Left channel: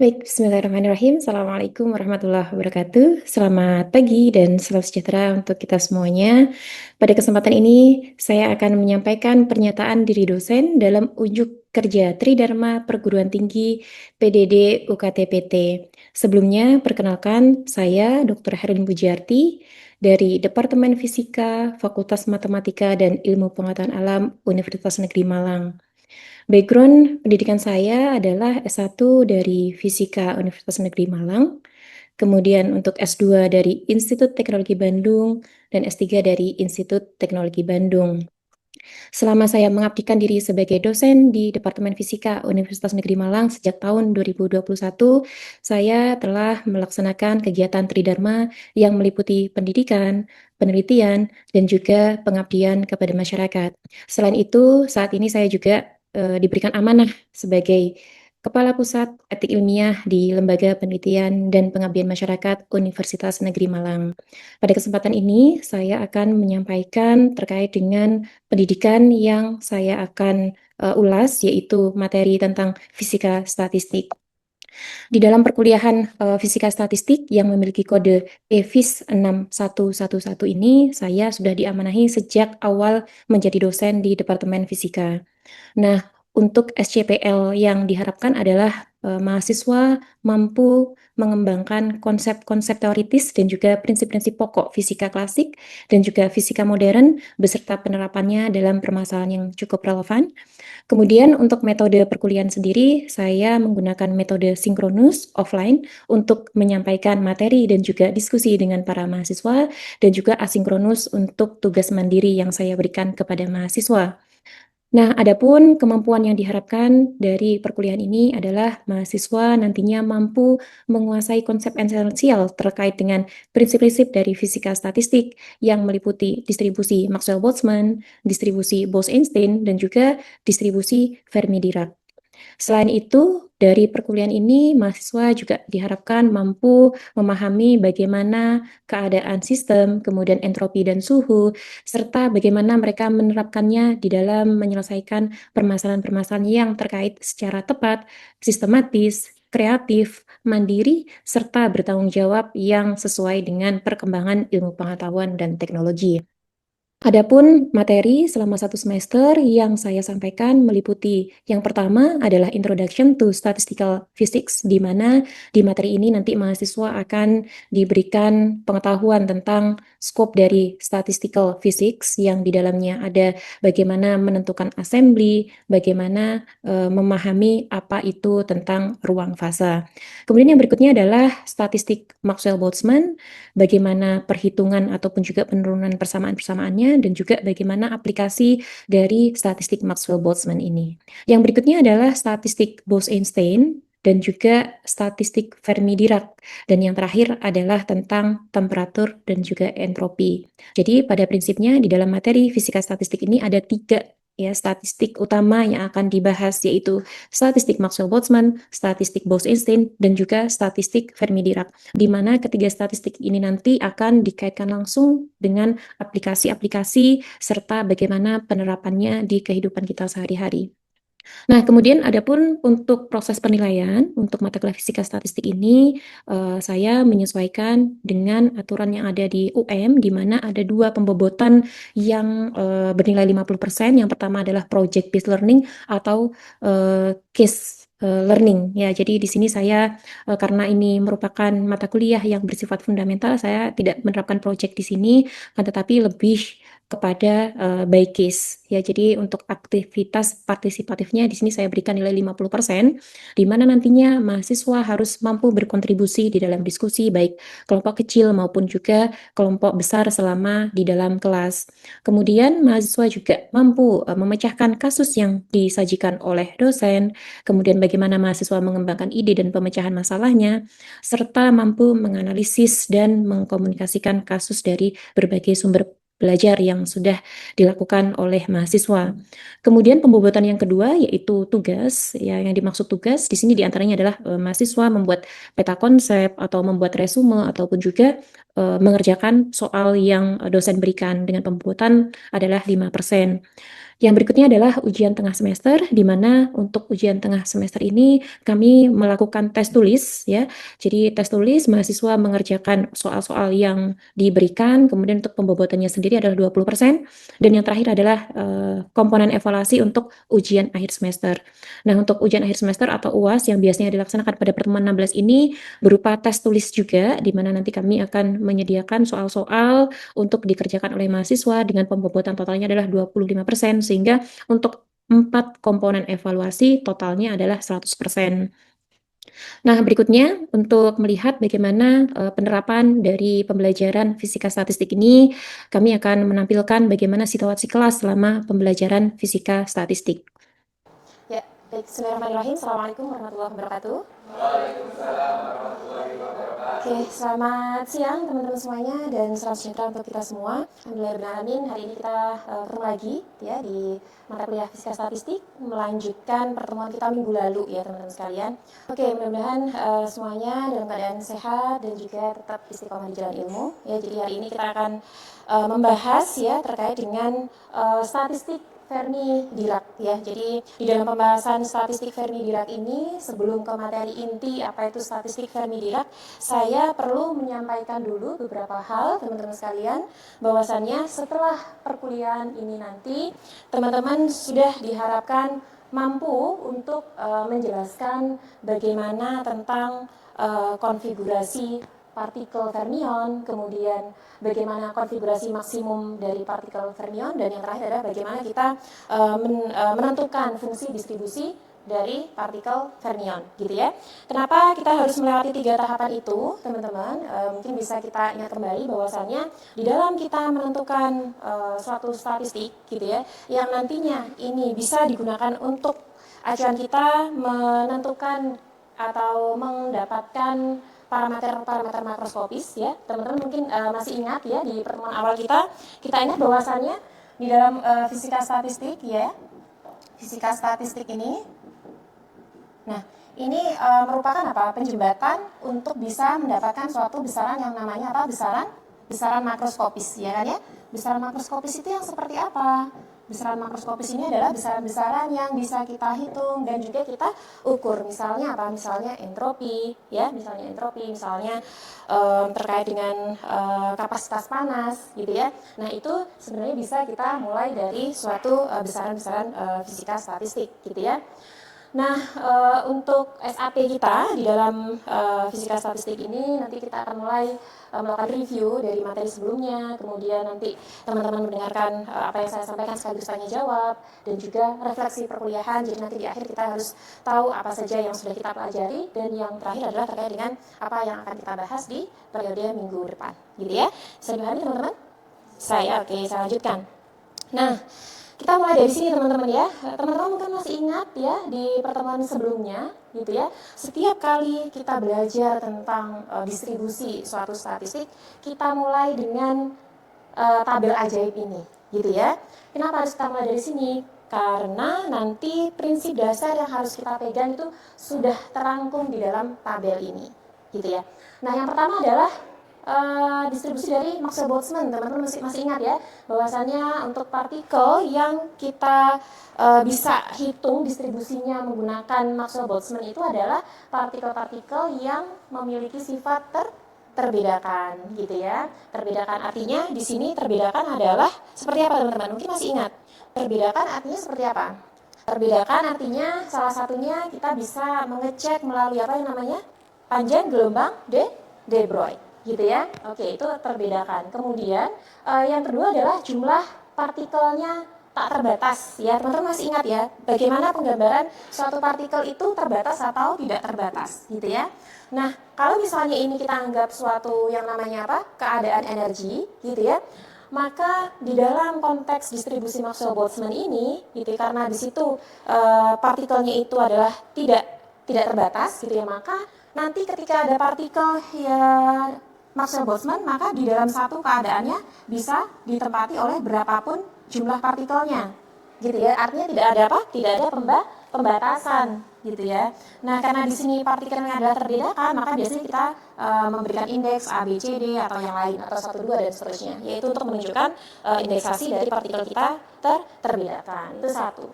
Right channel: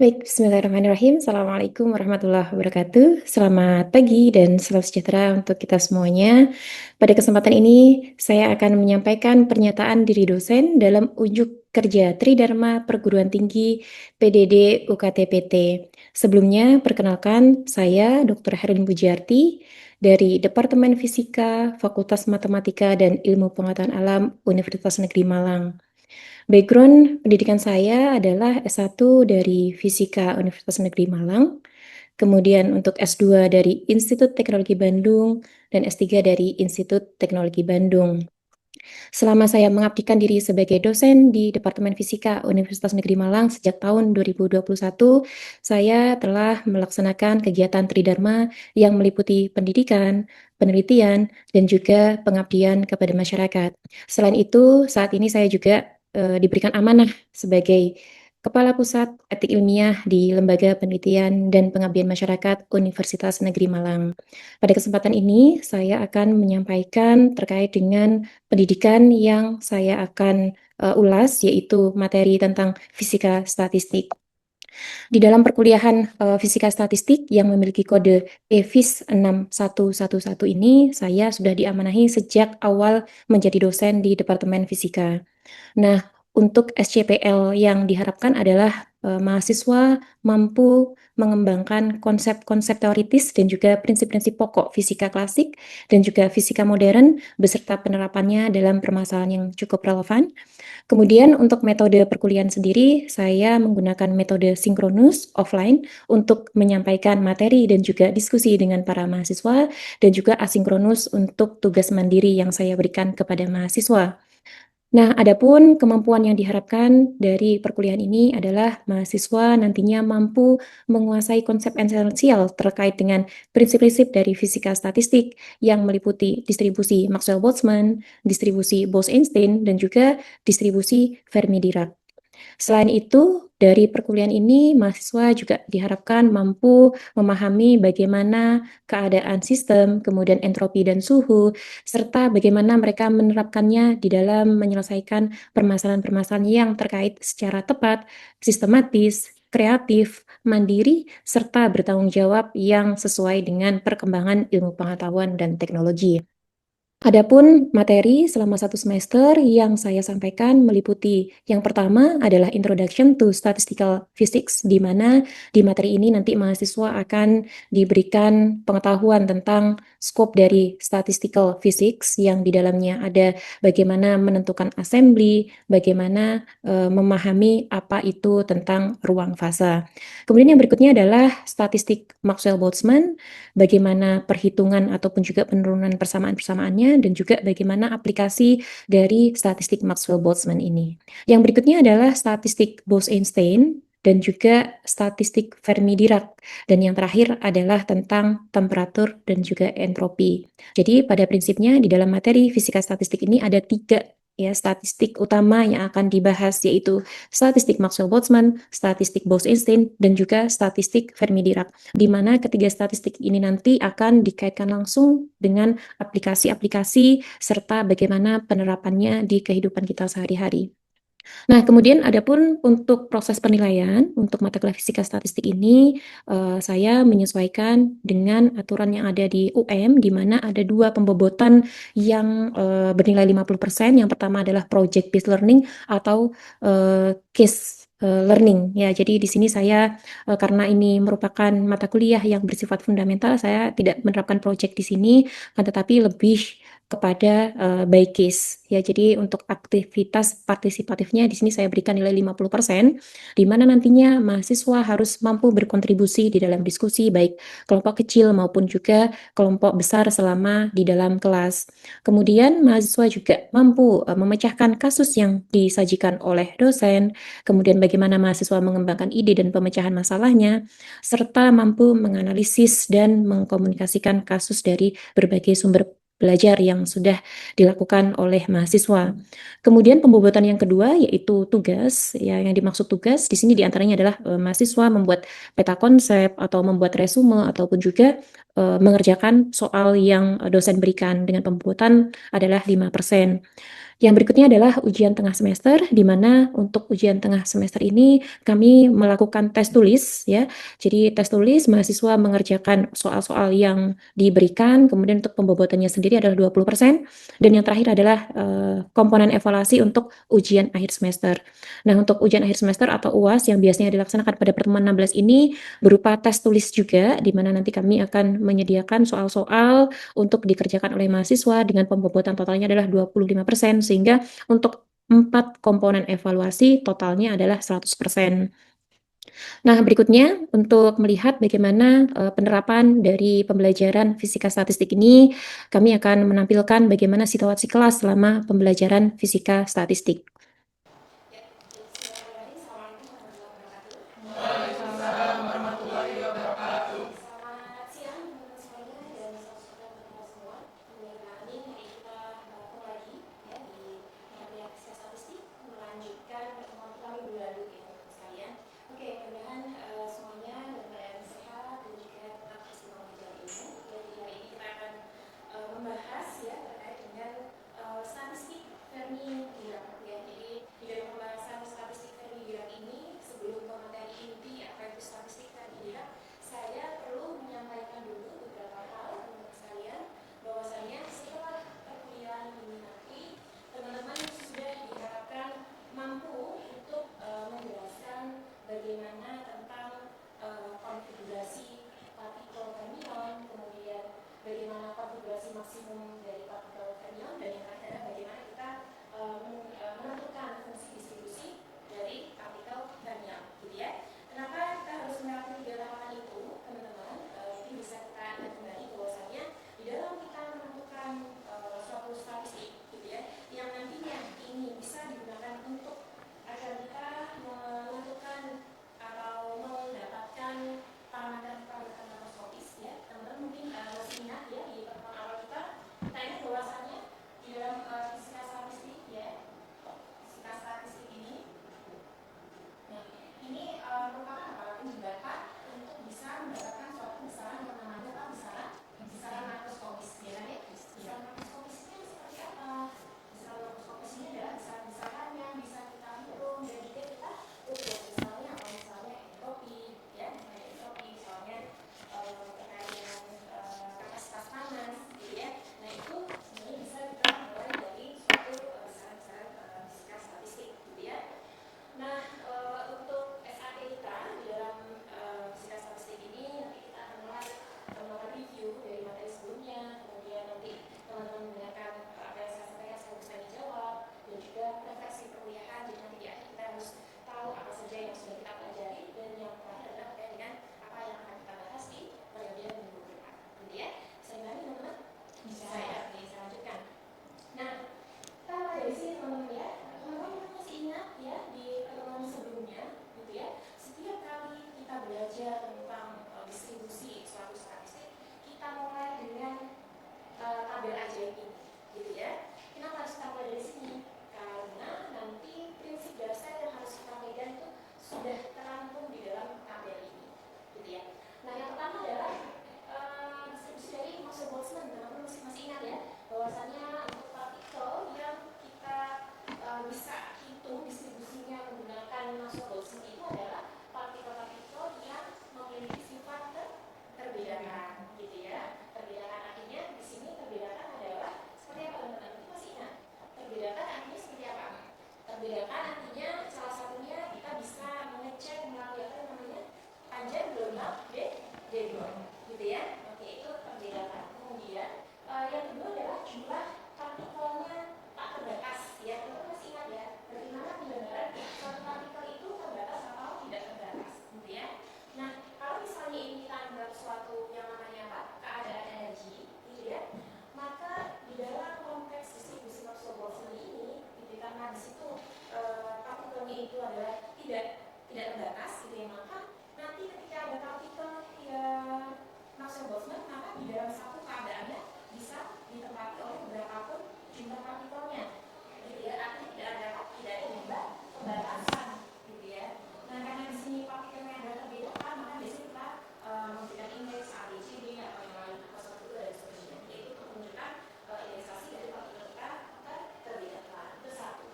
Baik, bismillahirrahmanirrahim. Assalamualaikum warahmatullahi wabarakatuh. Selamat pagi dan salam sejahtera untuk kita semuanya. Pada kesempatan ini, saya akan menyampaikan pernyataan diri dosen dalam unjuk kerja Tridharma Perguruan Tinggi PDD UKT-PT. Sebelumnya, perkenalkan saya Dr. Herlin Pujiarti dari Departemen Fisika, Fakultas Matematika dan Ilmu Pengetahuan Alam Universitas Negeri Malang. Background pendidikan saya adalah S1 dari Fisika Universitas Negeri Malang, kemudian untuk S2 dari Institut Teknologi Bandung, dan S3 dari Institut Teknologi Bandung. Selama saya mengabdikan diri sebagai dosen di Departemen Fisika Universitas Negeri Malang sejak tahun 2021, saya telah melaksanakan kegiatan Tridharma yang meliputi pendidikan, penelitian, dan juga pengabdian kepada masyarakat. Selain itu, saat ini saya juga diberikan amanah sebagai Kepala Pusat Etik Ilmiah di Lembaga Penelitian dan Pengabdian Masyarakat Universitas Negeri Malang. Pada kesempatan ini, saya akan menyampaikan terkait dengan pendidikan yang saya akan ulas, yaitu materi tentang fisika statistik. Di dalam perkuliahan fisika statistik yang memiliki kode EFIS 6111 ini, saya sudah diamanahi sejak awal menjadi dosen di Departemen Fisika. Nah, untuk SCPL yang diharapkan adalah mahasiswa mampu mengembangkan konsep-konsep teoritis dan juga prinsip-prinsip pokok fisika klasik dan juga fisika modern beserta penerapannya dalam permasalahan yang cukup relevan. Kemudian untuk metode perkuliahan sendiri, saya menggunakan metode sinkronus offline untuk menyampaikan materi dan juga diskusi dengan para mahasiswa dan juga asinkronus untuk tugas mandiri yang saya berikan kepada mahasiswa. Nah, adapun kemampuan yang diharapkan dari perkuliahan ini adalah mahasiswa nantinya mampu menguasai konsep esensial terkait dengan prinsip-prinsip dari fisika statistik yang meliputi distribusi Maxwell-Boltzmann, distribusi Bose-Einstein, dan juga distribusi Fermi-Dirac. Selain itu, dari perkuliahan ini, mahasiswa juga diharapkan mampu memahami bagaimana keadaan sistem, kemudian entropi dan suhu, serta bagaimana mereka menerapkannya di dalam menyelesaikan permasalahan-permasalahan yang terkait secara tepat, sistematis, kreatif, mandiri, serta bertanggung jawab yang sesuai dengan perkembangan ilmu pengetahuan dan teknologi. Adapun materi selama 1 semester yang saya sampaikan meliputi yang pertama adalah Introduction to Statistical Physics, di mana di materi ini nanti mahasiswa akan diberikan pengetahuan tentang skop dari Statistical Physics yang di dalamnya ada bagaimana menentukan assembly, bagaimana memahami apa itu tentang ruang fasa. Kemudian yang berikutnya adalah statistik Maxwell-Boltzmann, bagaimana perhitungan ataupun juga penurunan persamaan-persamaannya, dan juga bagaimana aplikasi dari statistik Maxwell-Boltzmann ini. Yang berikutnya adalah statistik Bose-Einstein dan juga statistik Fermi-Dirac. Dan yang terakhir adalah tentang temperatur dan juga entropi. Jadi pada prinsipnya di dalam materi fisika statistik ini ada 3 ya statistik utama yang akan dibahas, yaitu statistik Maxwell-Boltzmann, statistik Bose-Einstein, dan juga statistik Fermi-Dirac, di mana ketiga statistik ini nanti akan dikaitkan langsung dengan aplikasi-aplikasi serta bagaimana penerapannya di kehidupan kita sehari-hari. Nah, kemudian adapun untuk proses penilaian untuk mata kuliah fisika statistik ini, saya menyesuaikan dengan aturan yang ada di UM, di mana ada 2 pembobotan yang bernilai 50%. Yang pertama adalah project based learning atau case learning ya. Jadi di sini saya karena ini merupakan mata kuliah yang bersifat fundamental, saya tidak menerapkan project di sini, tetapi lebih kepada by case ya. Jadi untuk aktivitas partisipatifnya di sini saya berikan nilai 50%, di mana nantinya mahasiswa harus mampu berkontribusi di dalam diskusi baik kelompok kecil maupun juga kelompok besar selama di dalam kelas. Kemudian mahasiswa juga mampu memecahkan kasus yang disajikan oleh dosen, kemudian bagaimana mahasiswa mengembangkan ide dan pemecahan masalahnya, serta mampu menganalisis dan mengkomunikasikan kasus dari berbagai sumber belajar yang sudah dilakukan oleh mahasiswa. Kemudian pembobotan yang kedua yaitu tugas, ya yang dimaksud tugas di sini diantaranya adalah mahasiswa membuat peta konsep atau membuat resume ataupun juga mengerjakan soal yang dosen berikan, dengan pembobotan adalah 5%. Yang berikutnya adalah ujian tengah semester, di mana untuk ujian tengah semester ini kami melakukan tes tulis ya. Jadi tes tulis mahasiswa mengerjakan soal-soal yang diberikan, kemudian untuk pembobotannya sendiri adalah 20%, dan yang terakhir adalah komponen evaluasi untuk ujian akhir semester. Nah, untuk ujian akhir semester atau UAS yang biasanya dilaksanakan pada pertemuan 16 ini berupa tes tulis juga, di mana nanti kami akan menyediakan soal-soal untuk dikerjakan oleh mahasiswa dengan pembobotan totalnya adalah 25%, sehingga untuk 4 komponen evaluasi totalnya adalah 100%. Nah, berikutnya untuk melihat bagaimana penerapan dari pembelajaran fisika statistik ini, kami akan menampilkan bagaimana situasi kelas selama pembelajaran fisika statistik. Ya, baik. Bismillahirrahmanirrahim. Assalamualaikum warahmatullahi wabarakatuh. Oke, selamat siang teman-teman semuanya dan salam sejahtera untuk kita semua. Alhamdulillahirrahmanirrahim. Hari ini kita ketemu lagi ya di mata kuliah fisika statistik, melanjutkan pertemuan kita minggu lalu ya teman-teman sekalian. Oke, mudah-mudahan semuanya dalam keadaan sehat dan juga tetap istiqomah di jalan ilmu. Ya, jadi hari ini kita akan membahas ya terkait dengan statistik Fermi-Dirac ya. Jadi di dalam pembahasan statistik Fermi-Dirac ini, sebelum ke materi inti apa itu statistik Fermi-Dirac, saya perlu menyampaikan dulu beberapa hal teman-teman sekalian, bahwasannya setelah perkuliahan ini nanti teman-teman sudah diharapkan mampu untuk menjelaskan bagaimana tentang konfigurasi partikel fermion, kemudian bagaimana konfigurasi maksimum dari partikel fermion, dan yang terakhir adalah bagaimana kita menentukan fungsi distribusi dari partikel fermion, gitu ya. Kenapa kita harus melewati 3 tahapan itu, teman-teman? Mungkin bisa kita ingat kembali bahwasannya di dalam kita menentukan suatu statistik, gitu ya, yang nantinya ini bisa digunakan untuk acuan kita menentukan atau mendapatkan parameter-parameter makroskopis ya. Teman-teman mungkin masih ingat ya di pertemuan awal kita ingat bahwasannya di dalam fisika statistik ya. Fisika statistik ini, nah ini merupakan apa? Penjembatan untuk bisa mendapatkan suatu besaran yang namanya apa? Besaran makroskopis ya kan ya. Besaran makroskopis itu yang seperti apa? Besaran makroskopis ini adalah besaran-besaran yang bisa kita hitung dan juga kita ukur. Misalnya apa? Misalnya entropi, ya, misalnya terkait dengan kapasitas panas, gitu ya. Nah itu sebenarnya bisa kita mulai dari suatu besaran-besaran fisika statistik, gitu ya. Nah, untuk SAP kita di dalam fisika statistik ini nanti kita akan mulai melakukan review dari materi sebelumnya, kemudian nanti teman-teman mendengarkan apa yang saya sampaikan sekaligus tanya jawab, dan juga refleksi perkuliahan. Jadi nanti di akhir kita harus tahu apa saja yang sudah kita pelajari, dan yang terakhir adalah terkait dengan apa yang akan kita bahas di periode minggu depan, gitu ya. Bisa dipahami teman-teman? Saya lanjutkan. Nah, kita mulai dari sini teman-teman ya. Teman-teman mungkin masih ingat ya di pertemuan sebelumnya gitu ya. Setiap kali kita belajar tentang distribusi suatu statistik, kita mulai dengan tabel ajaib ini gitu ya. Kenapa harus kita mulai dari sini? Karena nanti prinsip dasar yang harus kita pegang itu sudah terangkum di dalam tabel ini gitu ya. Nah, yang pertama adalah distribusi dari Maxwell-Boltzmann. Teman-teman masih ingat ya, bahwasannya untuk partikel yang kita bisa hitung distribusinya menggunakan Maxwell-Boltzmann itu adalah partikel-partikel yang memiliki sifat terbedakan, gitu ya. Terbedakan artinya di sini terbedakan adalah seperti apa teman-teman? Mungkin masih ingat. Terbedakan artinya seperti apa? Terbedakan artinya salah satunya kita bisa mengecek melalui apa yang namanya panjang gelombang de Broglie, gitu ya. Oke, itu terbedakan. Kemudian yang kedua adalah jumlah partikelnya tak terbatas ya. Teman-teman masih ingat ya bagaimana penggambaran suatu partikel itu terbatas atau tidak terbatas, gitu ya. Nah, kalau misalnya ini kita anggap suatu yang namanya apa? Keadaan energi, gitu ya. Maka di dalam konteks distribusi Maxwell-Boltzmann ini, gitu, karena di situ partikelnya itu adalah tidak terbatas, gitu ya, maka nanti ketika ada partikel yang Maxwell-Boltzmann, maka di dalam satu keadaannya bisa ditempati oleh berapapun jumlah partikelnya, gitu ya. Artinya tidak ada apa? Tidak ada pembatasan, gitu ya. Nah, karena di sini partikelnya adalah terbedakan, maka biasanya kita memberikan indeks A, B, C, D atau yang lain atau 1, 2 dan seterusnya, yaitu untuk menunjukkan indeksasi dari partikel kita terbedakan. Itu satu.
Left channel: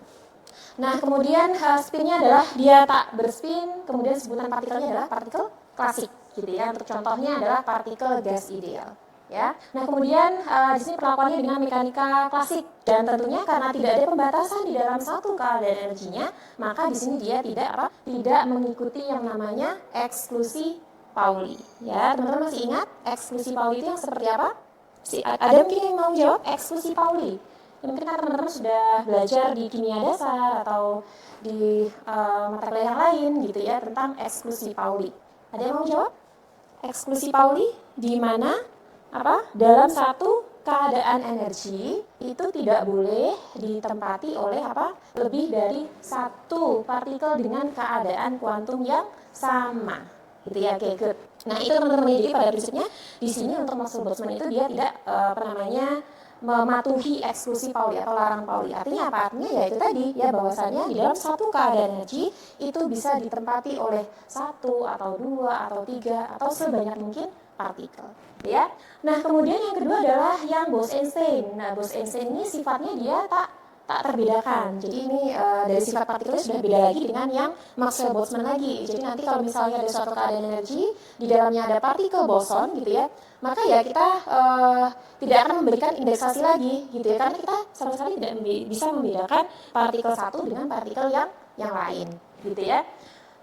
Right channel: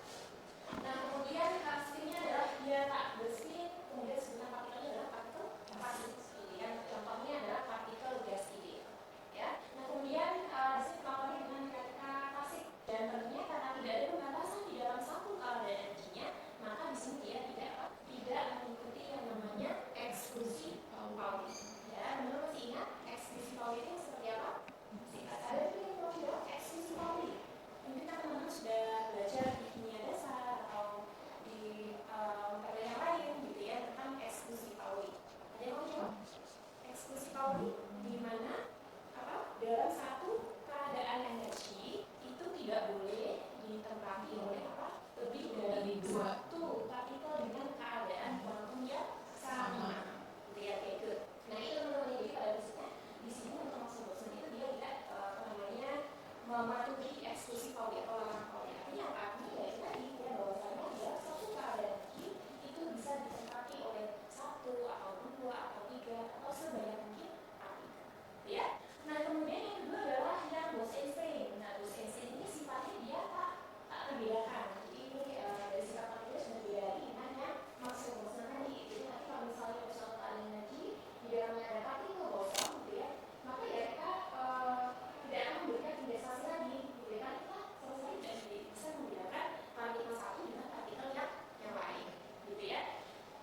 Nah, kemudian spinnya adalah dia tak berspin, kemudian sebutan partikelnya adalah partikel klasik, gitu ya. Untuk contohnya adalah partikel gas ideal. Ya, nah kemudian di sini perlakuannya dengan mekanika klasik dan tentunya karena tidak ada pembatasan di dalam satu keadaan energinya, maka di sini dia tidak mengikuti yang namanya eksklusi Pauli. Ya, teman-teman masih ingat eksklusi Pauli itu yang seperti apa? Ada mungkin yang mau jawab eksklusi Pauli? Ya, mungkin kan teman-teman sudah belajar di kimia dasar atau di mata kuliah yang lain gitu ya tentang eksklusi Pauli. Ada yang mau jawab? Eksklusi Pauli di mana dalam satu keadaan energi itu tidak boleh ditempati oleh lebih dari satu partikel dengan keadaan kuantum yang sama, gitu ya. Oke, good. Nah itu teman-teman, jadi pada prinsipnya di sini untuk Maxwell-Boltzmann itu dia tidak mematuhi eksklusi Pauli atau larang Pauli. Artinya apa? Artinya ya itu tadi ya, bahwasannya di dalam satu keadaan energi itu bisa ditempati oleh satu atau dua atau tiga atau sebanyak mungkin partikel, ya. Nah, kemudian yang kedua adalah yang Bose-Einstein. Nah, Bose-Einstein ini sifatnya dia tak terbedakan. Jadi ini dari sifat partikelnya sudah beda lagi dengan yang Maxwell-Boltzmann lagi. Jadi nanti kalau misalnya ada suatu keadaan energi di dalamnya ada partikel boson gitu ya, maka ya kita tidak akan memberikan indeksasi lagi gitu ya, karena kita sama sekali tidak bisa membedakan partikel satu dengan partikel yang lain gitu ya.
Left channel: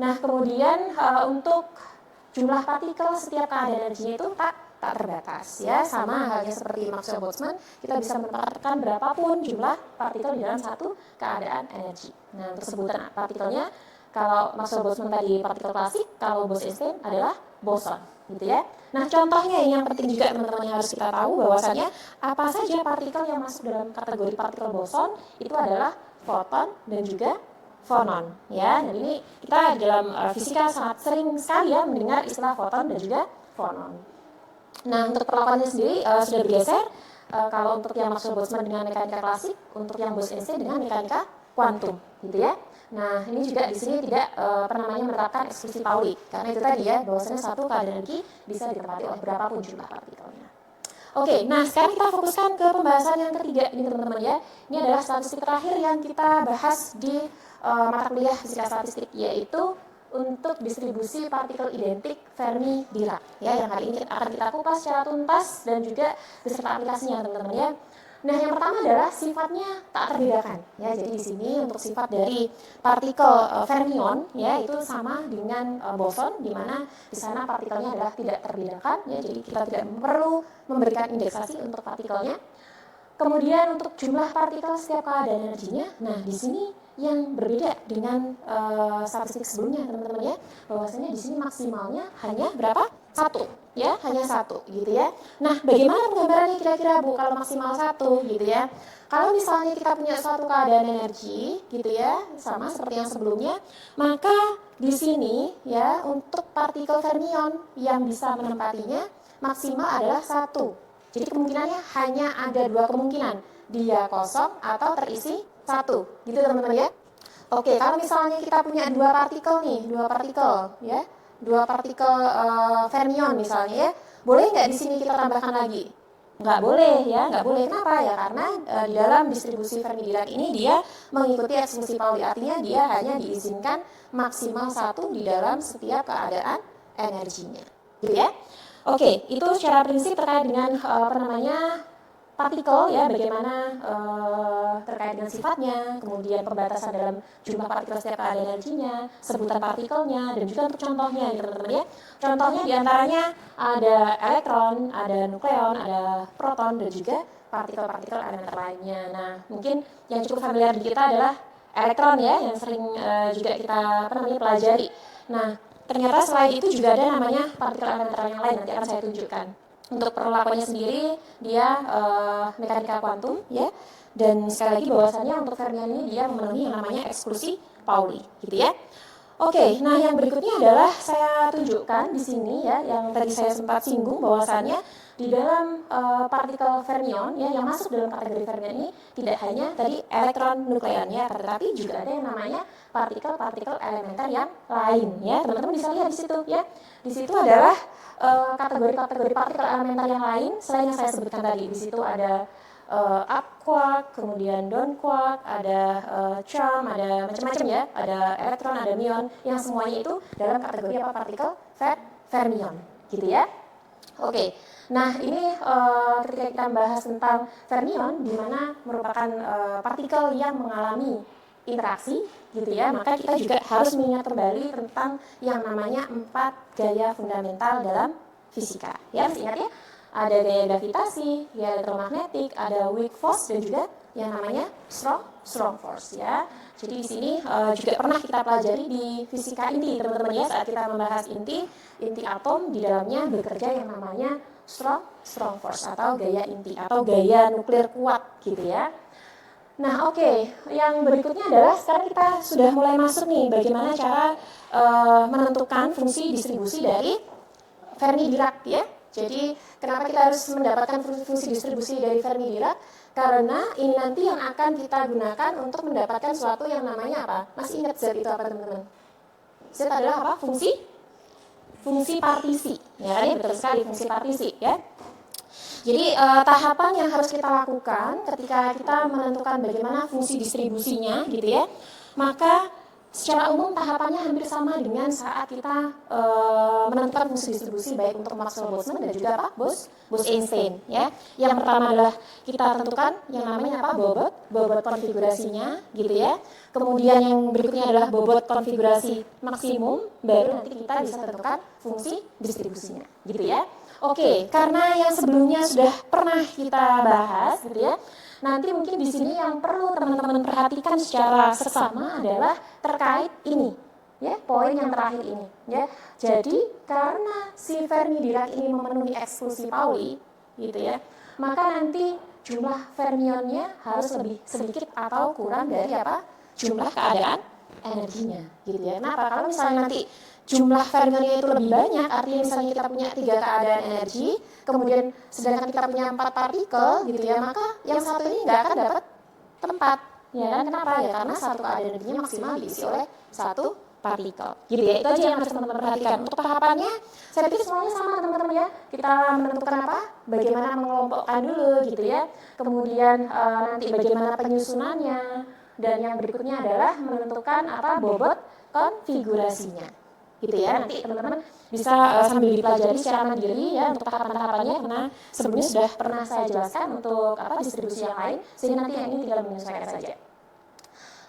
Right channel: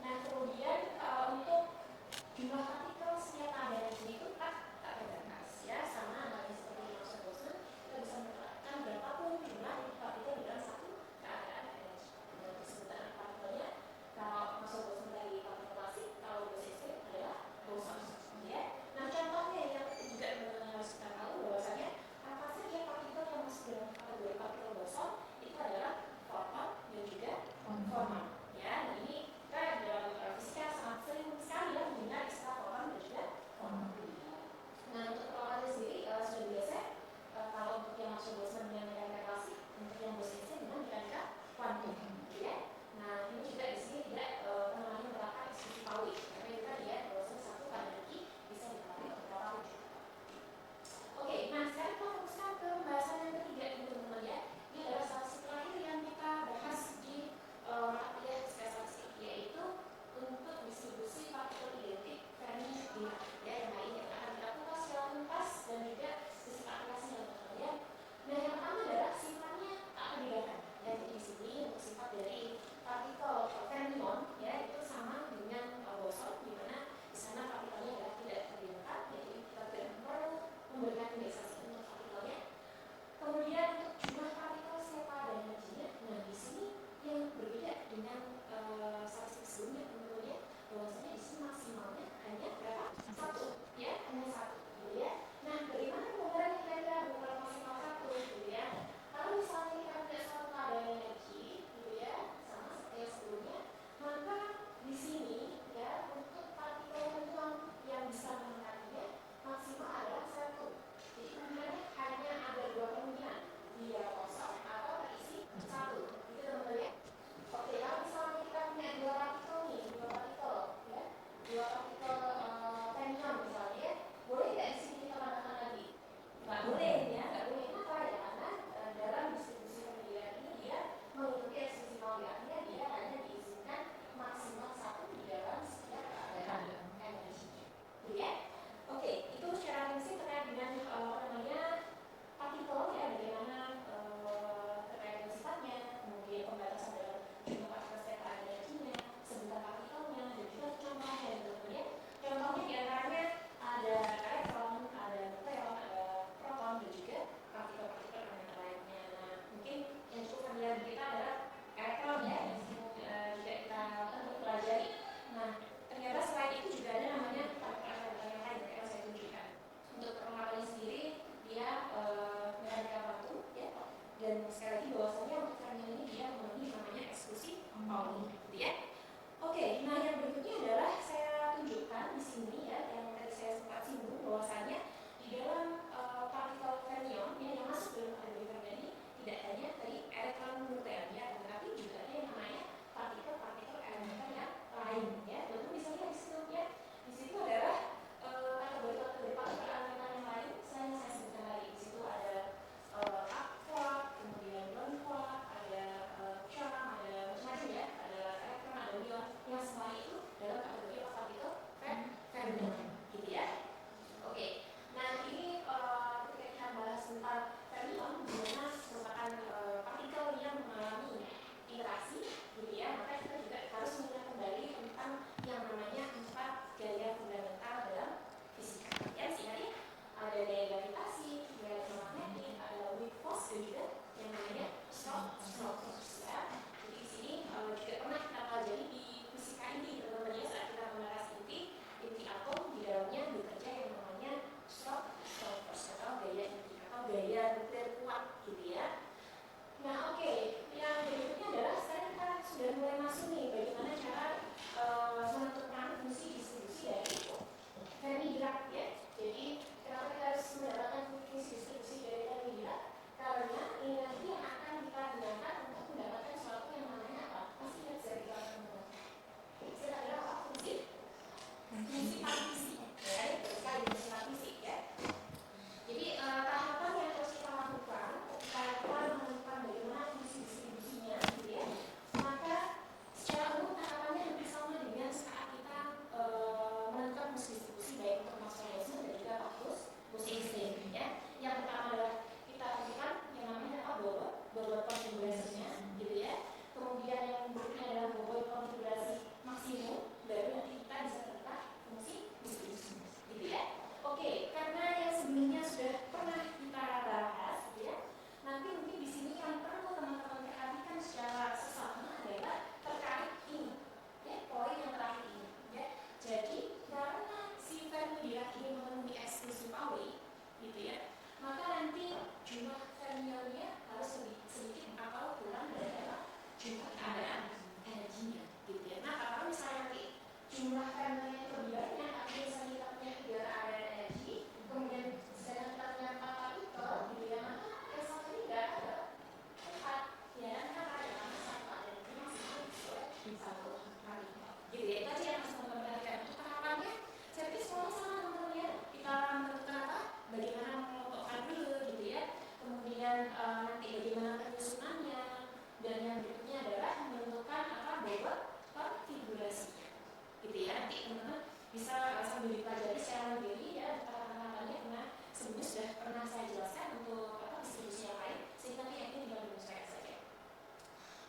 Nah, kemudian untuk jumlah partikel setiap keadaan energinya itu tak terbatas ya, sama halnya seperti Maxwell-Boltzmann, kita bisa menempatkan berapapun jumlah partikel di dalam satu keadaan energi. Nah, untuk sebutan partikelnya, kalau Maxwell-Boltzmann tadi partikel klasik, kalau Bose-Einstein adalah boson, gitu ya. Nah, contohnya ini yang penting juga teman-teman yang harus kita tahu, bahwasanya apa saja partikel yang masuk dalam kategori partikel boson itu adalah foton dan juga fonon, ya. Dan ini kita dalam fisika sangat sering sekali ya mendengar istilah foton dan juga fonon. Nah, untuk perlakuannya sendiri sudah bergeser. Kalau untuk yang Maxwell-Boltzmann dengan mekanika klasik, untuk yang Bose-Einstein dengan mekanika kuantum, gitu ya. Nah, ini juga di sini tidak menerapkan eksklusi Pauli, karena itu tadi ya, bahwasanya satu keadaan energi bisa ditempati oleh berapapun jumlah partikelnya. Oke, nah sekarang kita fokuskan ke pembahasan yang ketiga ini teman-teman ya. Ini adalah statistik terakhir yang kita bahas di mata kuliah fisika statistik, yaitu untuk distribusi partikel identik Fermi-Dirac ya, yang hari ini akan kita kupas secara tuntas dan juga beserta aplikasinya teman-teman ya. Nah, yang pertama adalah sifatnya tak terbedakan ya. Jadi di sini untuk sifat dari partikel fermion ya itu sama dengan boson, di mana di sana partikelnya adalah tidak terbedakan ya. Jadi kita tidak perlu memberikan indeksasi untuk partikelnya. Kemudian untuk jumlah partikel setiap keadaan energinya, nah di sini yang berbeda dengan statistik sebelumnya teman-teman ya, bahwasanya di sini maksimalnya hanya berapa? Satu ya, hanya satu gitu ya. Nah, bagaimana penggambarannya kira-kira Bu kalau maksimal satu gitu ya? Kalau misalnya kita punya suatu keadaan energi gitu ya, sama seperti yang sebelumnya, maka di sini ya untuk partikel fermion yang bisa menempatinya maksimal adalah satu. Jadi kemungkinannya hanya ada dua kemungkinan, dia kosong atau terisi satu, gitu teman-teman ya. Oke, kalau misalnya kita punya dua partikel ya, dua partikel fermion misalnya ya, boleh nggak di sini kita tambahkan lagi? Nggak boleh ya, nggak boleh. Kenapa ya? Karena di dalam distribusi Fermi-Dirac ini dia mengikuti eksklusi Pauli, artinya dia hanya diizinkan maksimal satu di dalam setiap keadaan energinya, gitu ya. Oke, itu secara prinsip terkait dengan partikel ya, bagaimana terkait dengan sifatnya, kemudian pembatasan dalam jumlah partikel setiap keadaan energinya, sebutan partikelnya, dan juga untuk contohnya ya teman-teman ya. Contohnya diantaranya ada elektron, ada nukleon, ada proton, dan juga partikel-partikel elemen lainnya. Nah, mungkin yang cukup familiar di kita adalah elektron ya, yang sering juga kita pelajari. Nah, ternyata selain itu juga ada namanya partikel elemental yang lain, nanti akan saya tunjukkan. Untuk perlakuannya sendiri dia mekanika kuantum ya, dan sekali lagi bahwasannya untuk fermion ini dia memenuhi yang namanya eksklusi Pauli gitu ya. Oke, nah yang berikutnya adalah saya tunjukkan di sini ya, yang tadi saya sempat singgung bahwasannya di dalam partikel fermion ya, yang masuk dalam kategori fermion ini tidak hanya tadi elektron nukleon ya, tetapi juga ada yang namanya partikel-partikel elementer yang lain ya. Teman-teman bisa lihat di situ ya. Di situ adalah kategori-kategori partikel elementer yang lain selain yang saya sebutkan tadi. Di situ ada up quark, kemudian down quark, ada charm, ada macam-macam ya, ada elektron, ada muon, yang semuanya itu dalam kategori apa? Partikel fermion, gitu ya. Oke, nah ini ketika kita bahas tentang fermion, di mana merupakan partikel yang mengalami interaksi, gitu ya, maka kita juga harus mengingat kembali tentang yang namanya 4 gaya fundamental dalam fisika. Ya, masih ingat ya? Ada gaya gravitasi, gaya elektromagnetik, ada weak force, dan juga yang namanya strong force ya. Jadi di sini juga pernah kita pelajari di fisika inti, teman-teman ya, saat kita membahas inti atom, di dalamnya bekerja yang namanya strong force atau gaya inti atau gaya nuklir kuat gitu ya. Nah, oke, yang berikutnya adalah sekarang kita sudah mulai masuk nih bagaimana cara menentukan fungsi distribusi dari Fermi-Dirac ya. Jadi kenapa kita harus mendapatkan fungsi distribusi dari Fermi-Dirac? Karena ini nanti yang akan kita gunakan untuk mendapatkan suatu yang namanya apa? Masih ingat Z itu apa, teman-teman? Z adalah apa? Fungsi partisi. Ya, ini betul sekali, fungsi partisi ya. Jadi tahapan yang harus kita lakukan ketika kita menentukan bagaimana fungsi distribusinya gitu ya, maka secara umum tahapannya hampir sama dengan saat kita menentukan fungsi distribusi baik untuk Maxwell-Boltzmann dan juga apa? Bose-Einstein ya. Yang pertama adalah kita tentukan yang namanya apa? Bobot konfigurasinya gitu ya. Kemudian yang berikutnya adalah bobot konfigurasi maksimum, baru nanti kita bisa tentukan fungsi distribusinya gitu ya. Oke, karena yang sebelumnya sudah pernah kita bahas gitu ya. Nanti mungkin di sini yang perlu teman-teman perhatikan secara seksama adalah terkait ini, ya, poin yang terakhir ini, ya. Jadi karena si Fermi-Dirac ini memenuhi eksklusi Pauli, gitu ya, maka nanti jumlah fermionnya harus lebih sedikit atau kurang dari apa? Jumlah keadaan energinya, gitu ya. Kenapa? Kalau misalnya nanti jumlah fermionnya itu lebih banyak, artinya misalnya kita punya 3 keadaan energi, kemudian sedangkan kita punya 4 partikel gitu ya, maka yang satu ini nggak akan dapat tempat ya kan. Kenapa? Ya karena satu keadaan energinya maksimal diisi oleh satu partikel gitu ya. Itu aja yang harus teman-teman perhatikan. Untuk tahapannya saya pikir semuanya sama teman-teman ya. Kita menentukan apa? Bagaimana mengelompokkan dulu gitu ya, kemudian nanti bagaimana penyusunannya, dan yang berikutnya adalah menentukan apa? Bobot konfigurasinya gitu ya. Nanti teman-teman bisa sambil dipelajari secara mandiri ya untuk tahapan-tahapannya, karena sebelumnya sudah pernah saya jelaskan untuk apa distribusi yang lain, sehingga nanti yang ini tinggal menyesuaikan saja.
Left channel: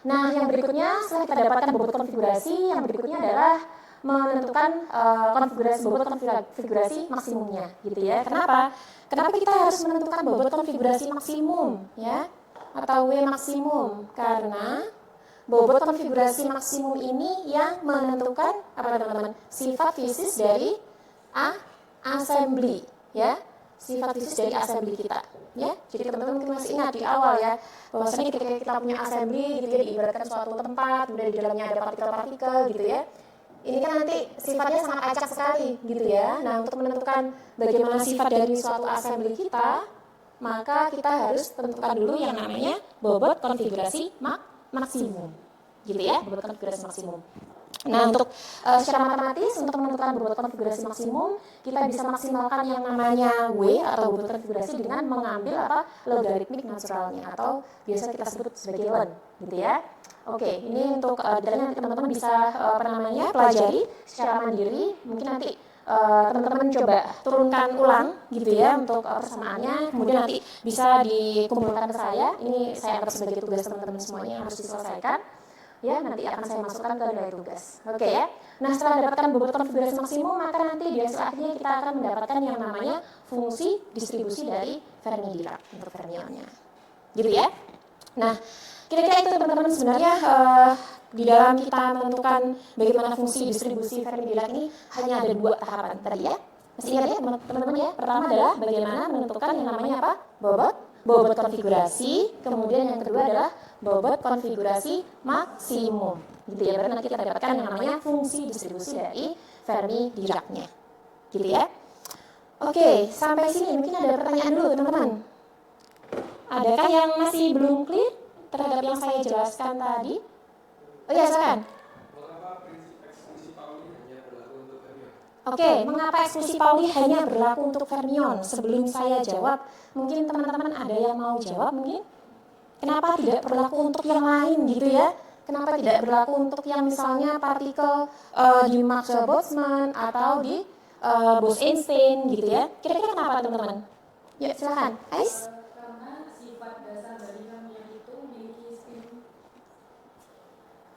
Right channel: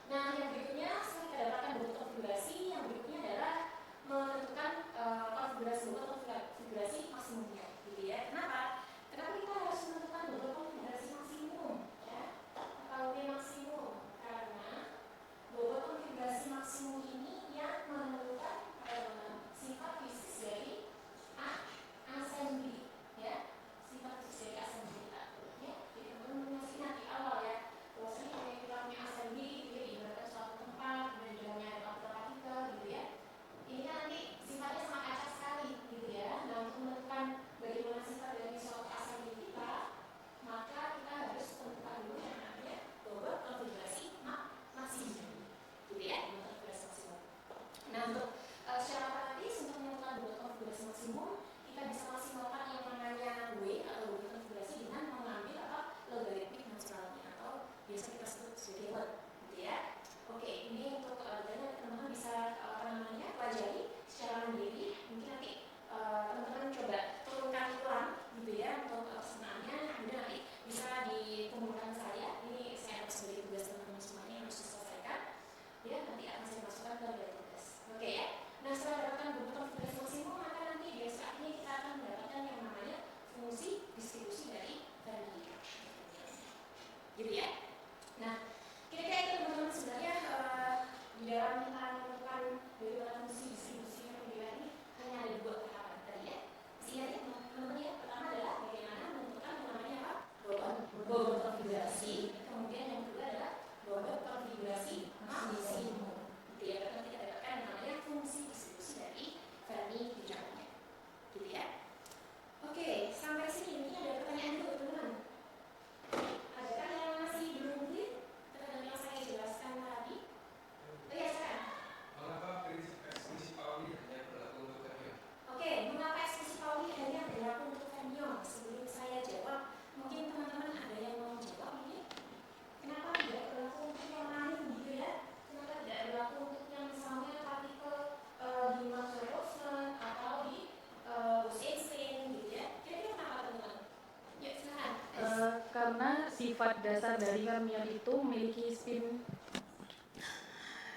Nah, yang berikutnya setelah kita dapatkan bobot konfigurasi, yang berikutnya adalah menentukan bobot konfigurasi maksimumnya gitu ya. Kenapa kita harus menentukan bobot konfigurasi maksimum ya, atau W maksimum? Karena bobot konfigurasi maksimum ini yang menentukan apa teman-teman? Sifat fisis dari assembly ya. Sifat fisis dari assembly kita ya. Jadi teman-teman mungkin masih ingat di awal ya, bahwasanya ketika kita punya assembly gitu ya, diibaratkan suatu tempat, kemudian di dalamnya ada partikel-partikel gitu ya. Ini kan nanti sifatnya sangat acak sekali gitu ya. Nah, untuk menentukan bagaimana sifat dari suatu assembly kita, maka kita harus tentukan dulu yang namanya bobot konfigurasi maksimum gitu ya, bobot konfigurasi maksimum. Nah, untuk secara matematis untuk menentukan bobot konfigurasi maksimum, kita bisa maksimalkan yang namanya W atau bobot konfigurasi dengan mengambil apa? Logaritmik naturalnya atau biasa kita sebut sebagai ln gitu ya. Oke, ini untuk detailnya nanti teman-teman bisa pelajari secara mandiri. Mungkin nanti teman-teman coba turunkan ulang gitu ya untuk persamaannya, kemudian nanti bisa dikumpulkan ke saya. Ini saya anggap sebagai tugas teman-teman semuanya yang harus diselesaikan ya, nanti akan saya masukkan ke nilai tugas. Oke ya. Nah, setelah mendapatkan bobot konfigurasi maksimum, maka nanti di hasil akhirnya kita akan mendapatkan yang namanya fungsi distribusi dari Fermi-Dirac untuk fermionnya gitu ya. Nah, kira-kira itu teman-teman sebenarnya di dalam kita menentukan bagaimana fungsi distribusi Fermi-Dirac ini hanya ada 2 tahapan tadi ya. Masih ingat ya teman-teman ya? Pertama adalah bagaimana menentukan yang namanya apa? Bobot konfigurasi. Kemudian yang kedua adalah bobot konfigurasi maksimum. Gitu ya. Berarti nanti kita dapatkan yang namanya fungsi distribusi dari Fermi-Dirac-nya. Gitu ya. Oke, sampai sini mungkin ada pertanyaan dulu teman-teman. Adakah yang masih belum clear terhadap yang saya jelaskan tadi? Oh ya, silakan. Oke, mengapa eksklusi Pauli hanya berlaku untuk fermion? Sebelum saya jawab, mungkin teman-teman ada yang mau jawab mungkin? Kenapa tidak berlaku untuk yang lain gitu ya? Kenapa tidak berlaku untuk yang misalnya partikel di Maxwell-Boltzmann atau di Bose-Einstein gitu ya? Kira-kira kenapa teman-teman? Ya, silakan. Ais? Karena sifat dasar dari fermion itu memiliki spin.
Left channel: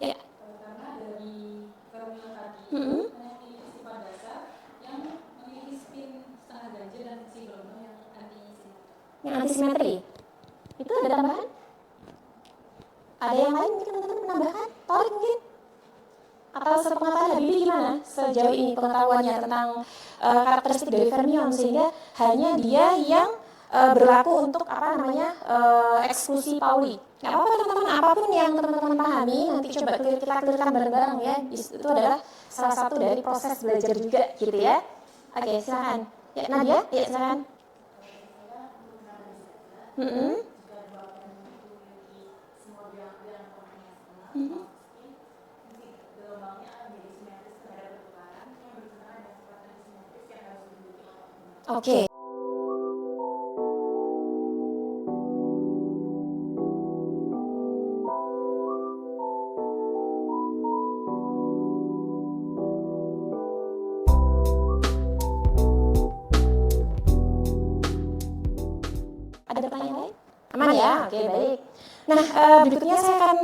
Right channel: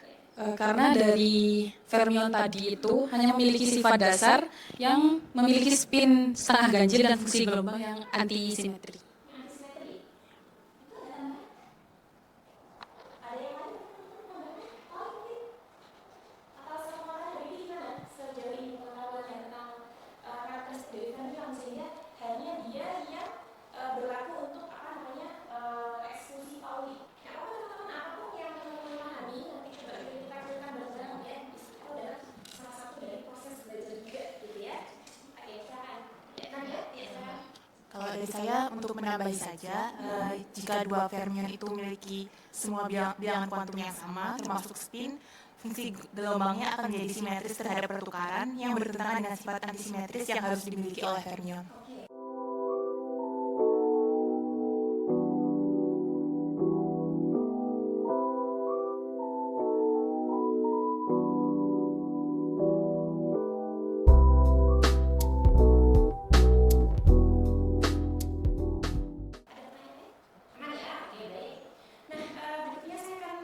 Ya. Karena dari fermion tadi itu hanya memiliki sifat dasar yang memiliki spin setengah ganjil dan fungsi gelombang yang anti simetri. Yang anti simetri. Itu ada tambahan? Ada yang lain mungkin teman-teman menambahkan? Torik mungkin? Atau sepengetahuan Habibie gimana sejauh ini pengetahuannya tentang karakteristik dari fermion sehingga hanya dia yang berlaku untuk apa namanya eksklusi Pauli. Nggak apa-apa teman-teman, apapun yang teman-teman pahami nanti coba kita clearkan bareng-bareng ya. Itu adalah salah satu dari proses belajar juga gitu ya. Oke, silakan. Ya, Nadia, ya silakan. Kalau dari saya untuk menambahi saja, jika dua fermion itu memiliki semua bilangan kuantum yang sama, termasuk spin, fungsi gelombangnya akan menjadi simetris terhadap pertukaran yang bertentangan dengan sifat antisimetris yang harus dimiliki oleh fermion. Oke. Ada pertanyaan lain? Aman ya? Oke, baik. Nah, berikutnya saya akan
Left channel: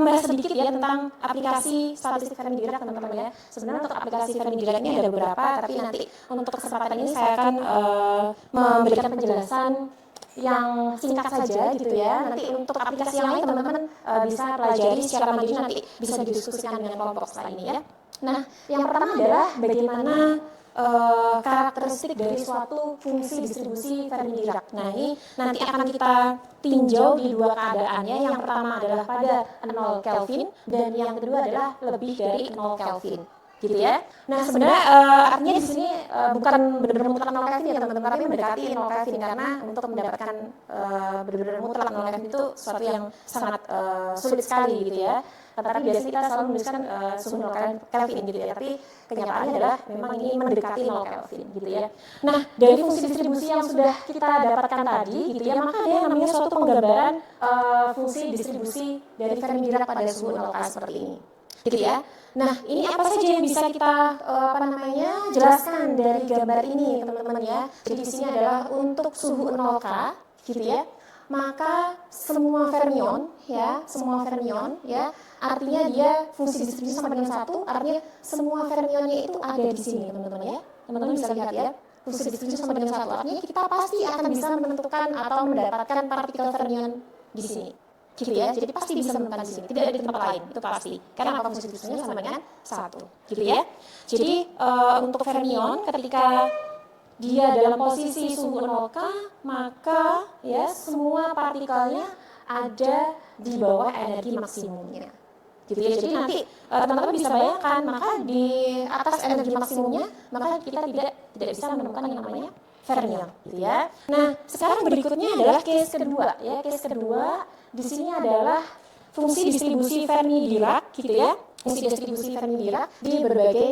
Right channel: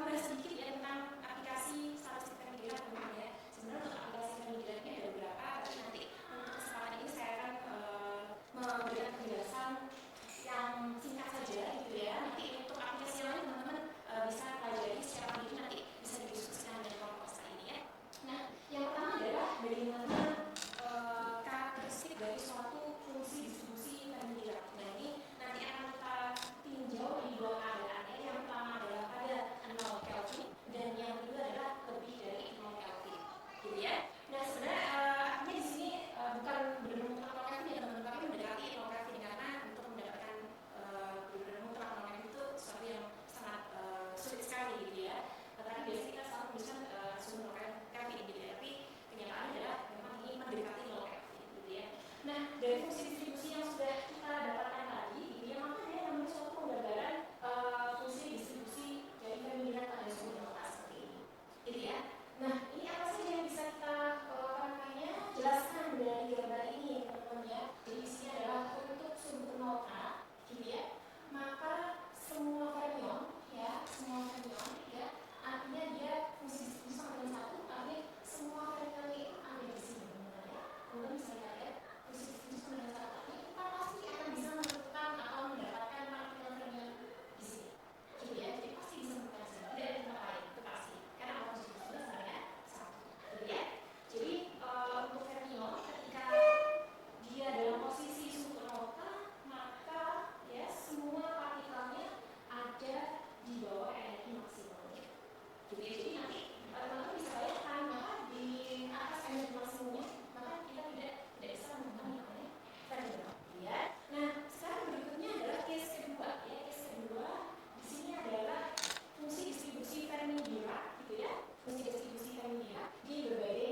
membahas sedikit ya tentang aplikasi statistik Fermi-Dirac teman-teman ya. Sebenarnya untuk aplikasi Fermi-Dirac ini ada beberapa, tapi nanti untuk kesempatan ini saya akan memberikan penjelasan yang singkat saja gitu ya. Nanti untuk aplikasi yang lain teman-teman bisa pelajari secara mandiri, nanti bisa didiskusikan dengan kelompok setelah ini ya. Nah, yang pertama adalah bagaimana karakteristik dari suatu fungsi distribusi Fermi-Dirac. Nah, ini nanti akan kita tinjau di dua keadaannya. Yang pertama adalah pada 0 Kelvin dan yang kedua adalah lebih dari 0 Kelvin. Gitu ya. Nah, sebenarnya artinya di sini bukan benar-benar mutlak 0 Kelvin ya teman-teman, tapi mendekati 0 Kelvin karena untuk mendapatkan benar-benar mutlak 0 Kelvin itu sesuatu yang sangat sulit sekali gitu ya. Tetapi biasanya kita selalu menuliskan suhu 0 Kelvin gitu ya. Tapi kenyataannya adalah memang ini mendekati 0 Kelvin gitu ya. Nah, dari fungsi distribusi yang sudah kita dapatkan tadi gitu ya, maka ada yang namanya suatu penggambaran fungsi distribusi dari Fermi-Dirac pada suhu 0 K seperti ini. Gitu ya. Nah, ini apa saja yang bisa kita jelaskan dari gambar ini, teman-teman ya. Jadi di sini adalah untuk suhu 0 K gitu ya. Maka semua fermion ya, artinya dia fungsi distribusi sama dengan 1, artinya semua fermionnya itu ada di sini teman-teman ya. Teman-teman bisa lihat ya, fungsi distribusi sama dengan 1, artinya kita pasti akan bisa menentukan atau mendapatkan partikel fermion di sini. Gitu ya, jadi pasti bisa menemukan di sini, tidak ada di tempat lain, itu pasti. Karena apa, fungsi distribusinya sama dengan 1. Gitu ya. Jadi untuk fermion ketika dia dalam posisi suhu 0 K, maka ya semua partikelnya ada di bawah energi maksimumnya. Gitu ya. Jadi nanti teman-teman bisa bayangkan, maka di atas energi maksimumnya, maka kita tidak bisa menemukan yang namanya fermion, gitu ya. Nah, sekarang berikutnya adalah case kedua ya. Case kedua di sini adalah fungsi distribusi Fermi-Dirac gitu ya. Fungsi distribusi Fermi-Dirac di berbagai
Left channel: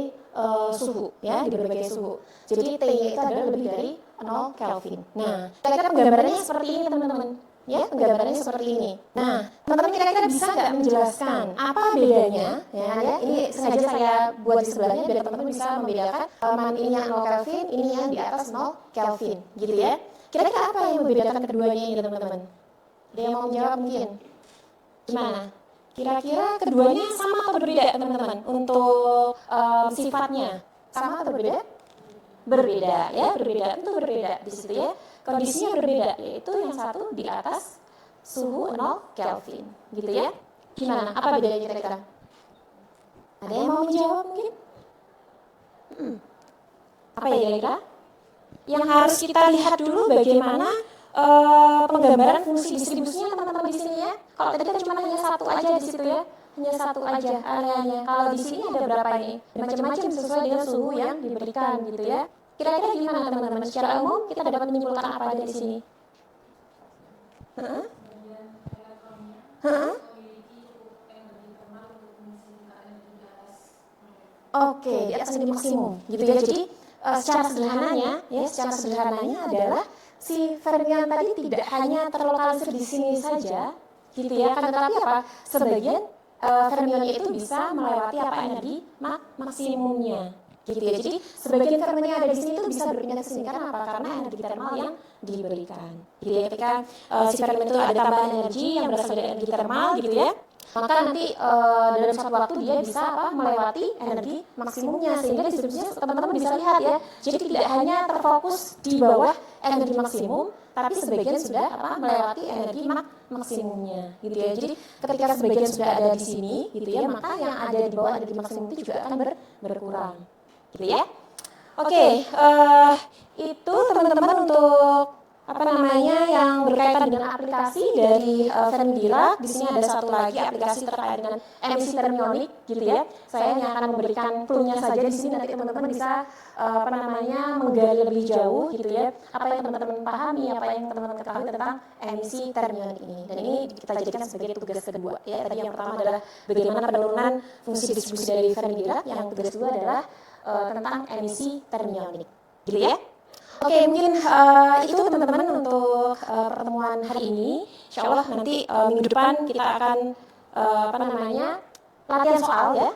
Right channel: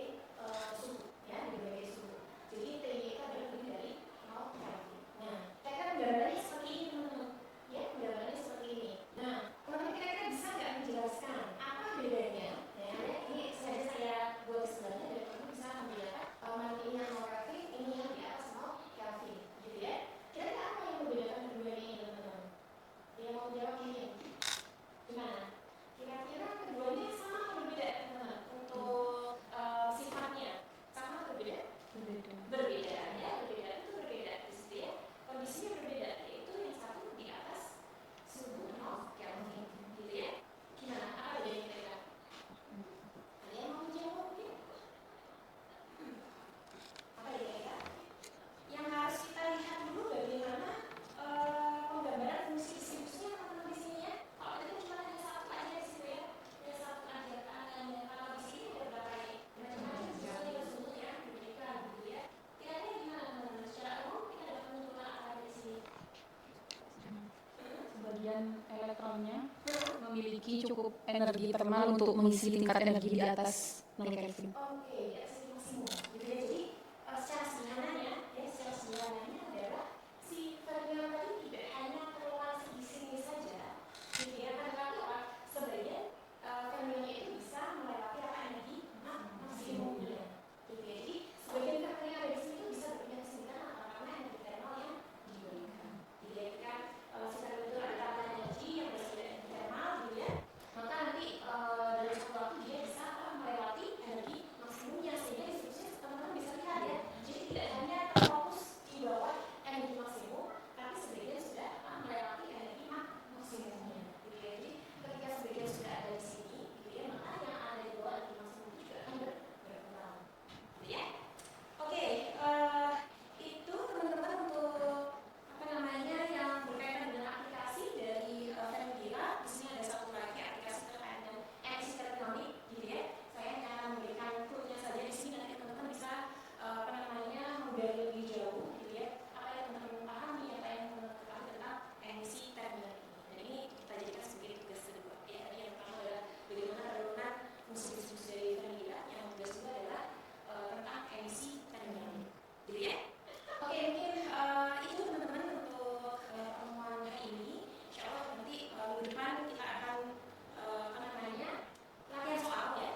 suhu ya, di berbagai suhu. Jadi T-nya itu adalah lebih dari 0 Kelvin. Nah, kira-kira penggambarannya seperti ini teman-teman. Ya, penggambarannya seperti ini. Nah, teman-teman kira-kira bisa nggak menjelaskan apa bedanya? Ya, ini sengaja saya buat di sebelahnya biar teman-teman bisa membedakan ini yang 0 Kelvin, ini yang di atas 0 Kelvin, gitu ya. Kira-kira apa yang membedakan keduanya ini teman-teman? Ada yang mau menjawab mungkin? Gimana? Kira-kira keduanya sama atau berbeda teman-teman untuk sifatnya? Sama atau berbeda? Berbeda ya, berbeda, tentu berbeda di situ ya. Kondisinya berbeda, yaitu yang satu di atas suhu 0 Kelvin, gitu ya. Gimana? Apa bedanya kira-kira? Ada yang mau menjawab mungkin? Apa ya kira-kira? Yang harus kita lihat dulu bagaimana penggambaran fungsi distribusinya teman-teman di sini ya. Kalau tadi kan cuma hanya satu aja di situ ya, hanya satu aja areanya. Kalau di sini ada berapa ini? Macam-macam sesuai dengan suhu yang diberikan gitu ya. Kira-kira gimana teman-teman? Secara umum kita dapat menyimpulkan apa dari sini? Bagian elektronnya memiliki cukup energi termal untuk mengisi tingkat energi di atas 0 Kelvin. Oke, di atas energi maksimum, gitu ya. Jadi secara sederhananya adalah si fermion tadi tidak hanya terlokalisir di sini saja, gitu ya. Kan tetapi apa? Sebagian fermionnya itu bisa melewati apa energi maksimumnya, gitu ya. Jadi sebagian fermion yang ada di sini itu bisa berpindah ke sini karena apa? Karena energi termal yang diberikan. Gitu ya, ketika si fermion itu ada tambahan energi yang berasal dari energi termal, gitu ya, maka nanti dalam suatu waktu dia bisa melewati energi maksimumnya, sehingga distribusinya teman-teman bisa lihat ya. Jadi tidak hanya terfokus di bawah energi maksimum, tapi sebagian sudah melewati energi maksimumnya, gitu ya. Jadi ketika sebagian sudah ada di sini, gitu ya, maka yang ada di bawah energi maksimum itu juga akan berkurang, gitu ya. Oke, itu teman-teman untuk yang berkaitan dengan aplikasi dari Fermi-Dirac. Di sini ada satu lagi aplikasi terkait dengan emisi termionik, gitu ya. Saya hanya akan memberikan clue-nya saja di sini, nanti teman-teman bisa menggali lebih jauh, gitu ya. Apa yang teman-teman pahami, apa yang teman-teman ketahui tentang emisi termionik ini. Dan ini kita jadikan sebagai tugas kedua, ya. Tadi yang pertama adalah bagaimana penurunan fungsi distribusi dari Fermi-Dirac, yang tugas kedua adalah tentang emisi termionik, gitu ya. Oke, mungkin itu teman-teman untuk pertemuan hari ini. Insya Allah nanti minggu depan kita akan latihan soal ya,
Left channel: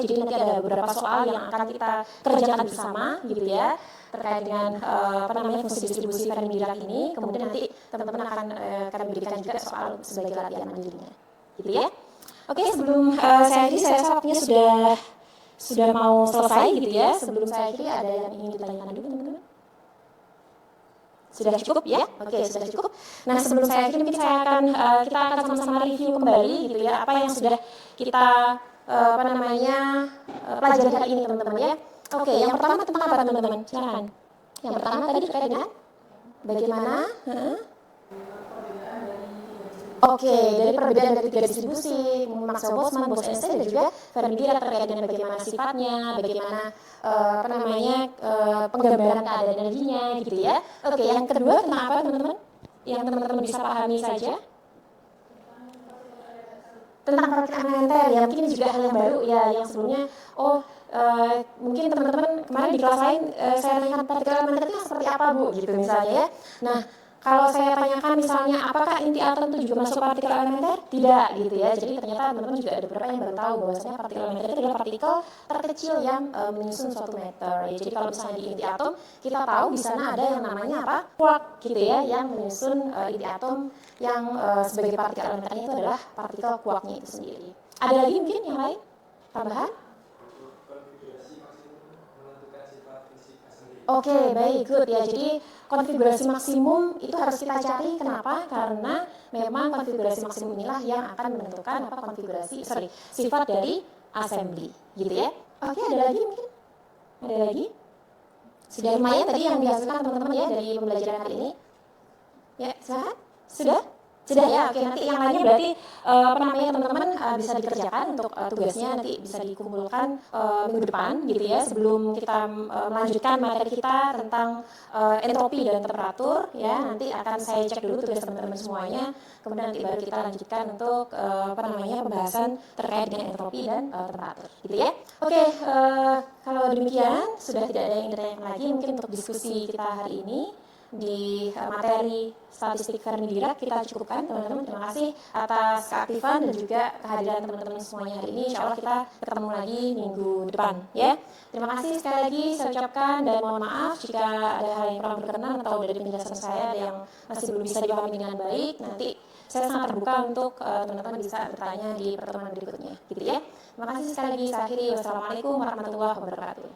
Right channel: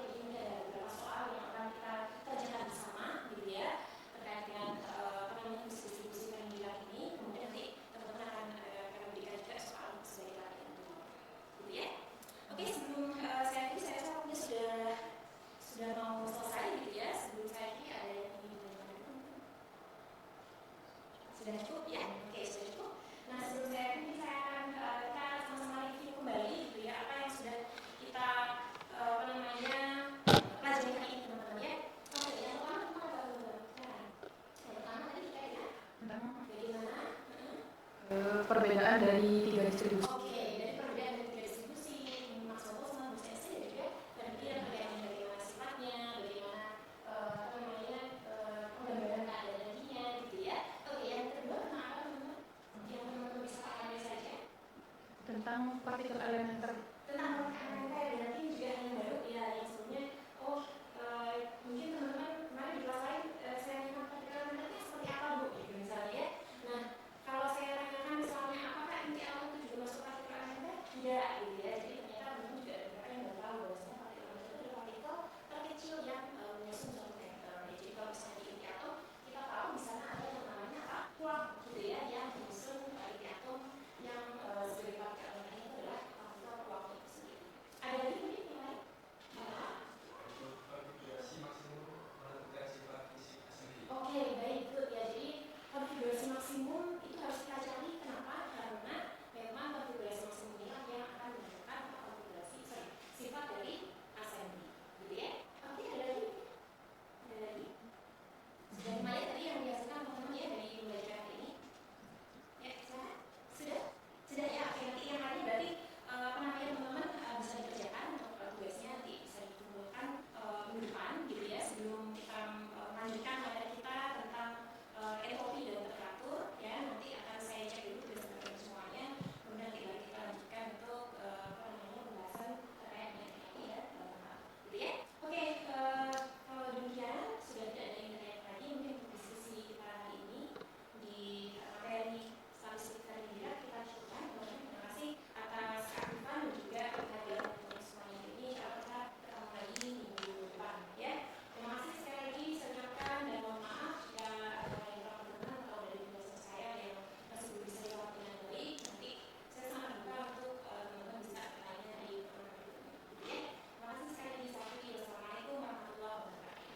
Jadi nanti ada beberapa soal yang akan kita kerjakan bersama, gitu ya, terkait dengan fungsi distribusi Fermi-Dirac ini. Kemudian nanti teman-teman akan kami berikan juga soal sebagai latihan mandirinya, gitu ya. Oke, sebelum saya rasa waktunya sudah mau selesai, gitu ya. Sebelum saya akhiri, ada yang ingin ditanyakan dulu teman-teman? Sudah cukup ya? Oke, sudah cukup. Nah, sebelum saya akhiri mungkin kita akan sama-sama review kembali, gitu ya, apa yang sudah kita pelajari hari ini teman-teman ya. Oke, yang pertama tentang apa teman-teman? Silakan. Yang pertama tadi terkait dengan bagaimana Perbedaan dari 3 distribusi. Oke, dari perbedaan dari 3 distribusi, Maxwell Boltzmann, Bose-Einstein, dan juga Fermi-Dirac terkait dengan bagaimana sifatnya, bagaimana penggambaran keadaan energinya, gitu ya. Oke, yang kedua tentang apa teman-teman? Yang teman-teman bisa pahami saja? Tentang partikel elementer. Tentang partikel elementer, ya mungkin juga hal yang baru ya, yang sebelumnya, mungkin teman-teman kemarin di kelas lain saya tanyakan partikel elementer itu seperti apa Bu, gitu misalnya ya. Nah, kalau saya tanyakan misalnya apakah inti atom itu juga masuk partikel elementer? Tidak, gitu ya. Jadi ternyata teman-teman juga ada beberapa yang baru tahu bahwasanya partikel elementer itu adalah partikel terkecil yang menyusun suatu matter. Ya, jadi kalau misalnya di inti atom kita tahu di sana ada yang namanya quark, gitu ya, yang menyusun inti atom yang sebagai partikel elementernya itu adalah partikel quarknya itu sendiri. Ada lagi mungkin yang lain? Tambahan? Oke, baik, good ya. Jadi konfigurasi maksimum itu harus kita cari. Kenapa? Karena memang konfigurasi maksimum inilah yang akan menentukan sifat dari assembly, gitu ya. Oke, ada lagi mungkin? Ada lagi? Sudah lumayan tadi yang dihasilkan teman-teman ya dari pembelajaran hari ini. Ya, silakan. Sudah ya. Oke, nanti yang lainnya berarti teman-teman bisa dikerjakan untuk tugasnya nanti bisa dikumpulkan minggu depan, gitu ya, sebelum kita melanjutkan materi kita tentang entropi dan temperatur ya. Nanti akan saya cek dulu tugas teman-teman semuanya, kemudian nanti baru kita lanjutkan untuk pembahasan terkait dengan entropi dan temperatur, gitu ya. Oke, kalau demikian sudah tidak ada yang ditanyakan lagi, mungkin untuk diskusi kita hari ini di materi statistik Fermi-Dirac kita cukupkan teman-teman. Terima kasih atas keaktifan dan juga kehadiran teman-teman semuanya hari ini. Insya Allah kita ketemu lagi minggu depan ya. Terima kasih sekali lagi saya ucapkan, dan mohon maaf jika ada hal yang kurang berkenan atau dari penjelasan saya ada yang masih belum bisa dipahami dengan baik. Nanti saya sangat terbuka untuk teman-teman bisa bertanya di pertemuan berikutnya, gitu ya. Terima kasih sekali lagi. Saya akhiri. Wassalamualaikum warahmatullahi wabarakatuh.